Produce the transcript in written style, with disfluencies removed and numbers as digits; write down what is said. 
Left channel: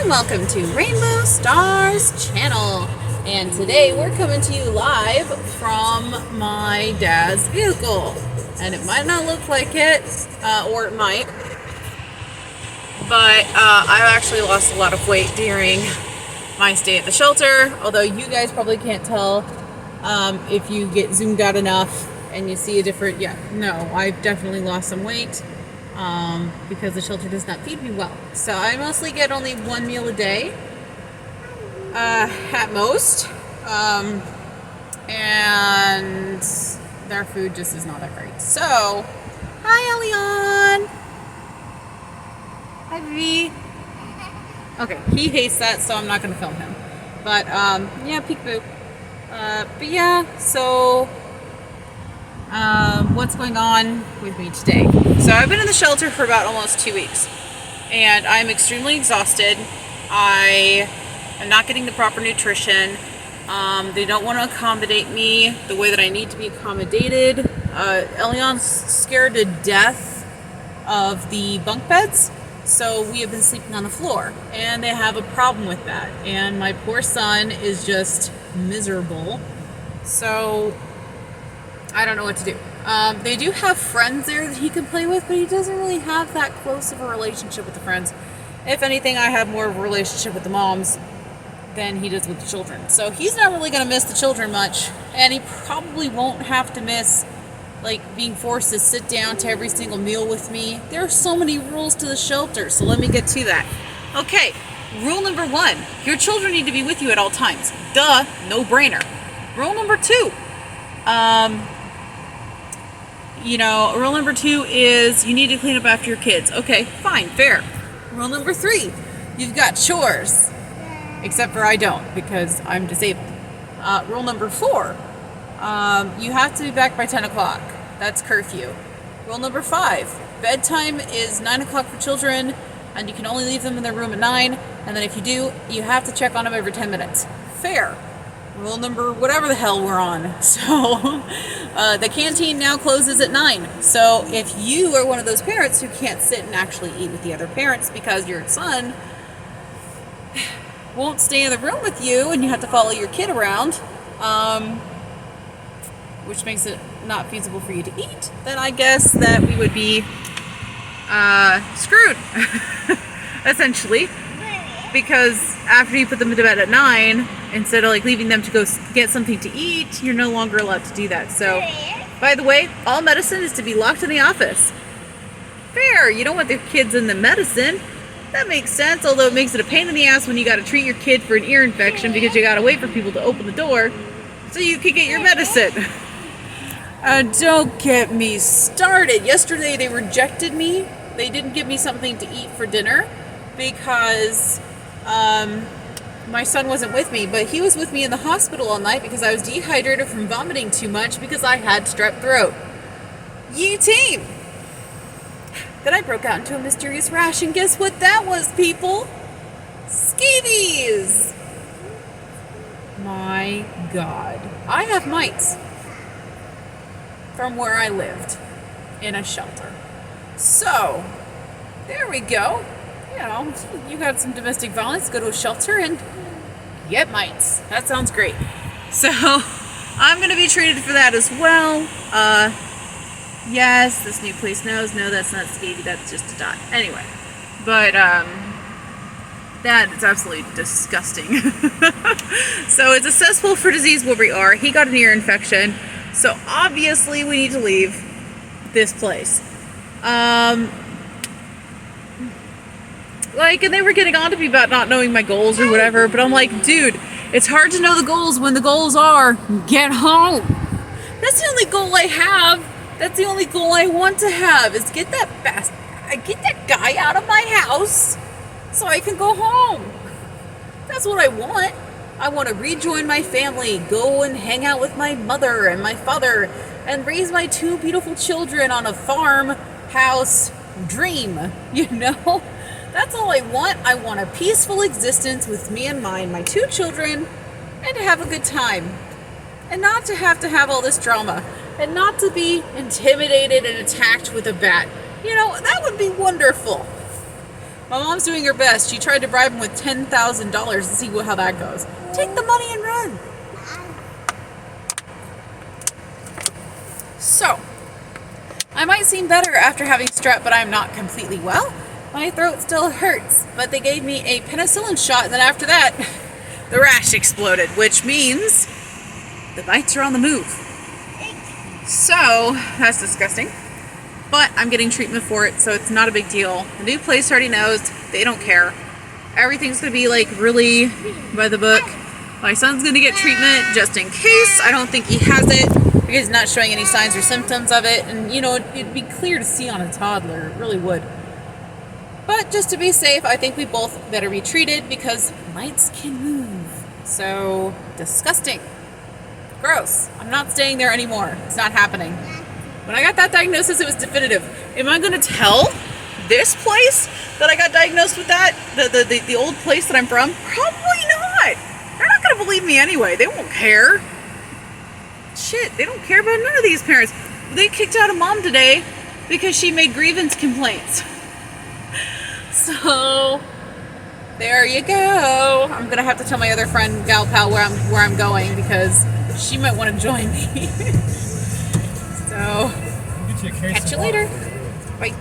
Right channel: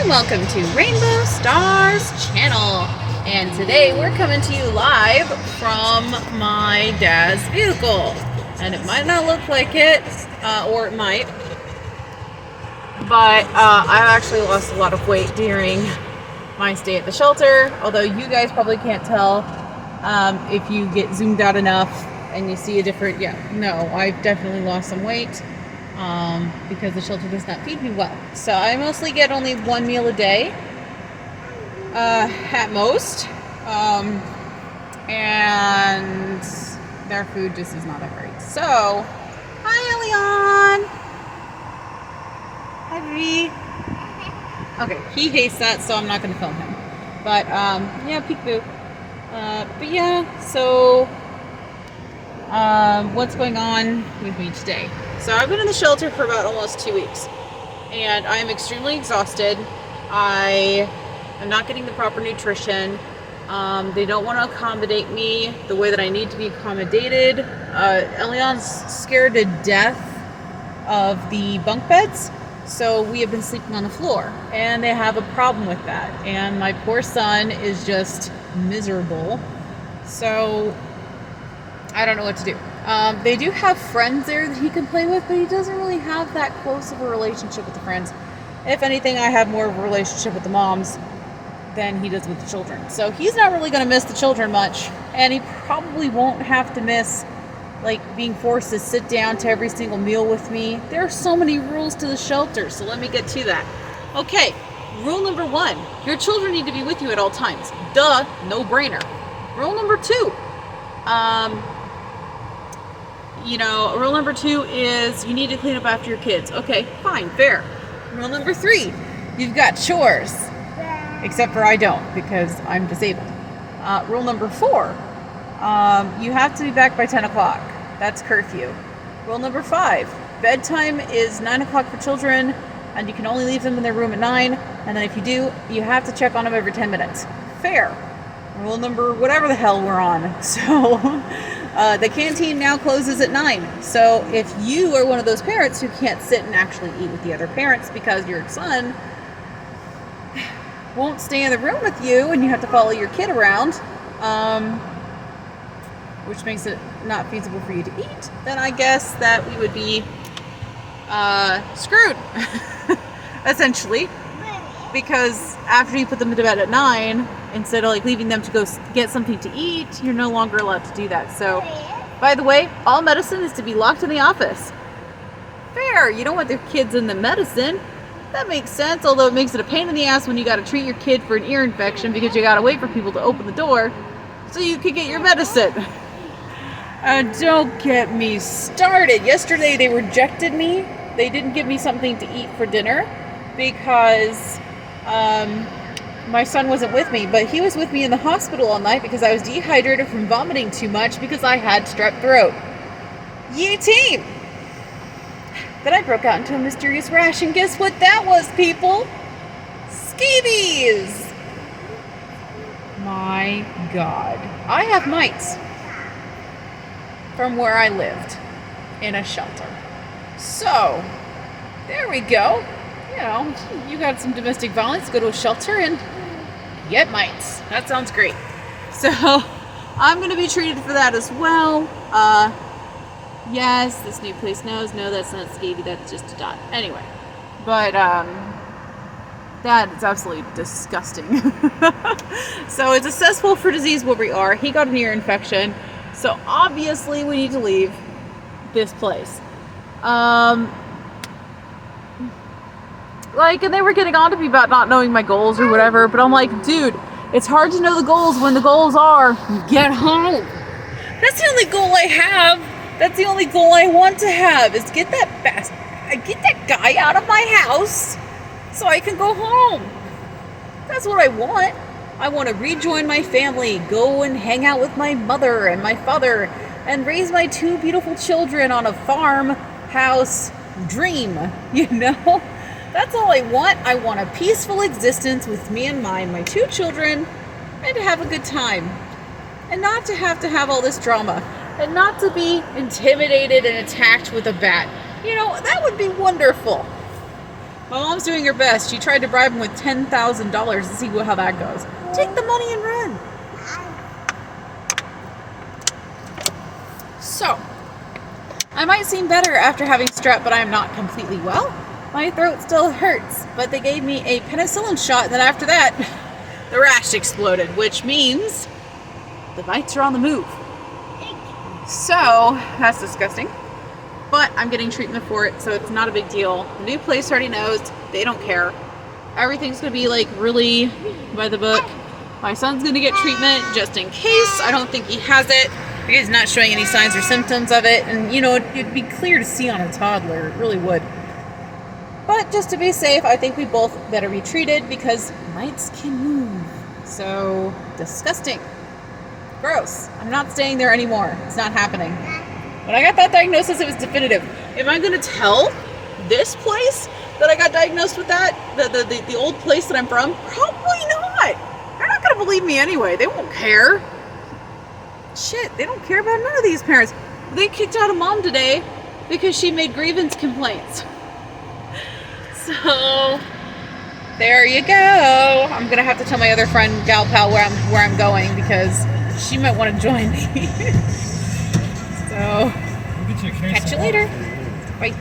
and welcome to Rainbow Stars channel. And today we're coming to you live from my dad's vehicle. And it might not look like it, or it might, but I've actually lost a lot of weight during my stay at the shelter. Although you guys probably can't tell if you get zoomed out enough and you see a different, I've definitely lost some weight. Because the shelter does not feed me well. So I mostly get only one meal a day, at most, and their food just is not that great. So, hi Elion! Hi V. Okay, he hates that, so I'm not going to film him. But, peekaboo. But yeah, so... what's going on with me today? So I've been in the shelter for about almost 2 weeks, and I'm extremely exhausted. I am not getting the proper nutrition. They don't want to accommodate me the way that I need to be accommodated. Elion's scared to death of the bunk beds, so we have been sleeping on the floor, and they have a problem with that, and my poor son is just miserable. So I don't know what to do. They do have friends there that he can play with, but he doesn't really have that close of a relationship with the friends. If anything, I have more of a relationship with the moms than he does with the children. So he's not really going to miss the children much, and he probably won't have to miss, being forced to sit down to every single meal with me. There are so many rules to the shelter, so let me get to that. Okay, rule number 1, your children need to be with you at all times. Duh, no brainer. Rule number 2, rule number 2 is you need to clean up after your kids. Okay, fine, fair. Rule number 3, you've got chores. Except for I don't, because I'm disabled. Rule number 4, you have to be back by 10 o'clock. That's curfew. Rule number 5, bedtime is 9 o'clock for children, and you can only leave them in their room at 9, and then if you do, you have to check on them every 10 minutes. Fair. Rule number whatever the hell we're on. So, the canteen now closes at 9. So if you are one of those parents who can't sit and actually eat with the other parents because your son won't stay in the room with you and you have to follow your kid around, which makes it not feasible for you to eat, then I guess that we would be screwed, essentially. Because after you put them to bed at 9, instead of leaving them to go get something to eat, you're no longer allowed to do that. So, by the way, all medicine is to be locked in the office. Fair, you don't want the kids in the medicine. That makes sense, although it makes it a pain in the ass when you gotta treat your kid for an ear infection because you gotta wait for people to open the door so you can get your medicine. Don't get me started. Yesterday they rejected me. They didn't give me something to eat for dinner because my son wasn't with me, but he was with me in the hospital all night because I was dehydrated from vomiting too much because I had strep throat. Yee team! Then I broke out into a mysterious rash, and guess what that was, people? Scabies! My God. I have mites from where I lived in a shelter. So, there we go. You got some domestic violence, go to a shelter and get mites. That sounds great. So, I'm going to be treated for that as well. Yes, this new place knows. No, that's not scabby, that's just a dot. Anyway, but that is absolutely disgusting. So, it's a cesspool for disease where we are. He got an ear infection, so obviously we need to leave this place. And they were getting on to me about not knowing my goals or whatever, but I'm like, dude, it's hard to know the goals when the goals are get home. That's the only goal I have. That's the only goal I want to have is get that guy out of my house so I can go home. That's what I want. I want to rejoin my family, go and hang out with my mother and my father, and raise my 2 beautiful children on a farmhouse dream, That's all I want. I want a peaceful existence with me and my 2 children, and to have a good time. And not to have all this drama. And not to be intimidated and attacked with a bat. That would be wonderful. My mom's doing her best. She tried to bribe him with $10,000 to see how that goes. Take the money and run. So, I might seem better after having strep, but I'm not completely well. My throat still hurts, but they gave me a penicillin shot, and then after that, the rash exploded, which means the mites are on the move. So, that's disgusting. But I'm getting treatment for it, so it's not a big deal. The new place already knows. They don't care. Everything's going to be like really by the book. My son's going to get treatment just in case. I don't think he has it. He's not showing any signs or symptoms of it. And, you know, it'd be clear to see on a toddler. It really would. But just to be safe, I think we both better be treated because mites can move. So, disgusting. Gross. I'm not staying there anymore. It's not happening. When I got that diagnosis, it was definitive. Am I going to tell this place that I got diagnosed with that? The old place that I'm from? Probably not. They're not going to believe me anyway. They won't care. Shit, they don't care about none of these parents. They kicked out a mom today because she made grievance complaints. So, there you go. I'm going to have to tell my other friend, gal pal, where I'm going because she might want to join me. So, catch you later. Bye.